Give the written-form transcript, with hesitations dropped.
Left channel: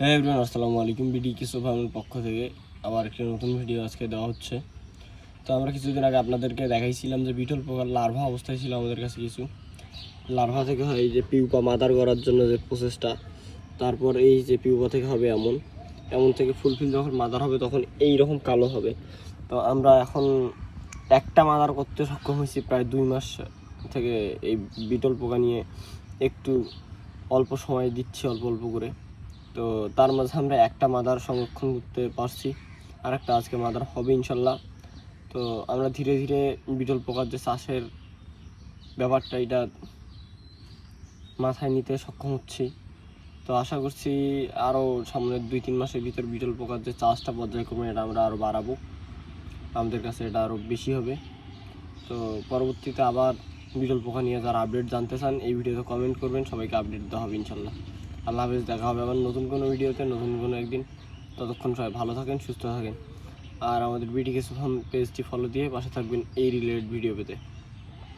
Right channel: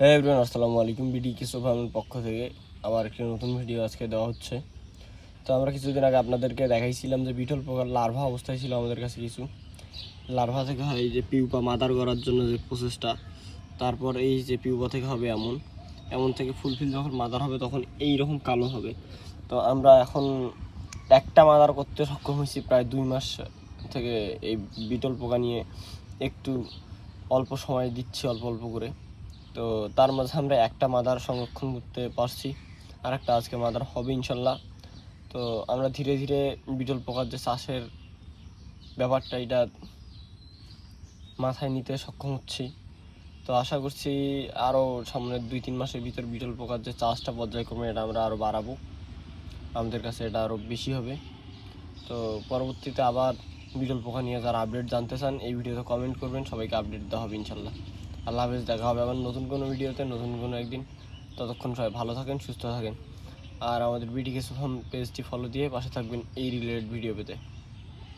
হ্যাঁ এভরিওয়ান, আসসালামু আলাইকুম। বিডি কিছু ফার্মের পক্ষ থেকে আবার একটা নতুন ভিডিও আজকে দেওয়া হচ্ছে। তো আমরা কিছুদিন আগে আপনাদেরকে দেখাইছিলাম যে বিটল পোকার লার্ভা অবস্থায় ছিল আমাদের কাছে কিছু। লার্ভা থেকে হয় এই যে পিউপা মাদার করার জন্য যে প্রসেসটা, তারপর এই যে পিউপা থেকে হবে এমন এমন থেকে ফুলফিল যখন মাদার হবে তখন এই রকম কালো হবে। তো আমরা এখন একটা মাদার করতে সক্ষম হয়েছি প্রায় 2 মাস থেকে। এই বিটল পোকা নিয়ে একটু অল্প সময় দিচ্ছি, অল্প অল্প করে। তো তার মাঝে আমরা একটা মাদার সংরক্ষণ করতে পারছি, আর একটা আজকে মাদার হবে ইনশাল্লাহ। তো আমরা ধীরে ধীরে বিটল পোকার যে চাষের ব্যাপারটা এটা মাথায় নিতে সক্ষম হচ্ছি। তো আশা করছি আরও সামনের 2-3 মাসের ভিতর বিটল পোকার যে চাষটা পর্যায়ক্রমে এটা আমরা আরও বাড়াবো, আমাদের কাছে এটা আরও বেশি হবে। তো পরবর্তীতে আবার বিটল পোকা নিয়ে যারা আপডেট জানতে চান এই ভিডিওতে কমেন্ট করবেন, সবাইকে আপডেট দেওয়া হবে ইনশাল্লাহ। আল্লাহ হাফেজ, দেখা হবে আবার নতুন কোনো ভিডিওতে, নতুন কোনো একদিন। ততক্ষণ সবাই ভালো থাকেন, সুস্থ থাকেন, আর আমাদের বিডি কিছু পেজটি ফলো দিয়ে পাশে থাকবেন এই রিলেটেড ভিডিও পেতে।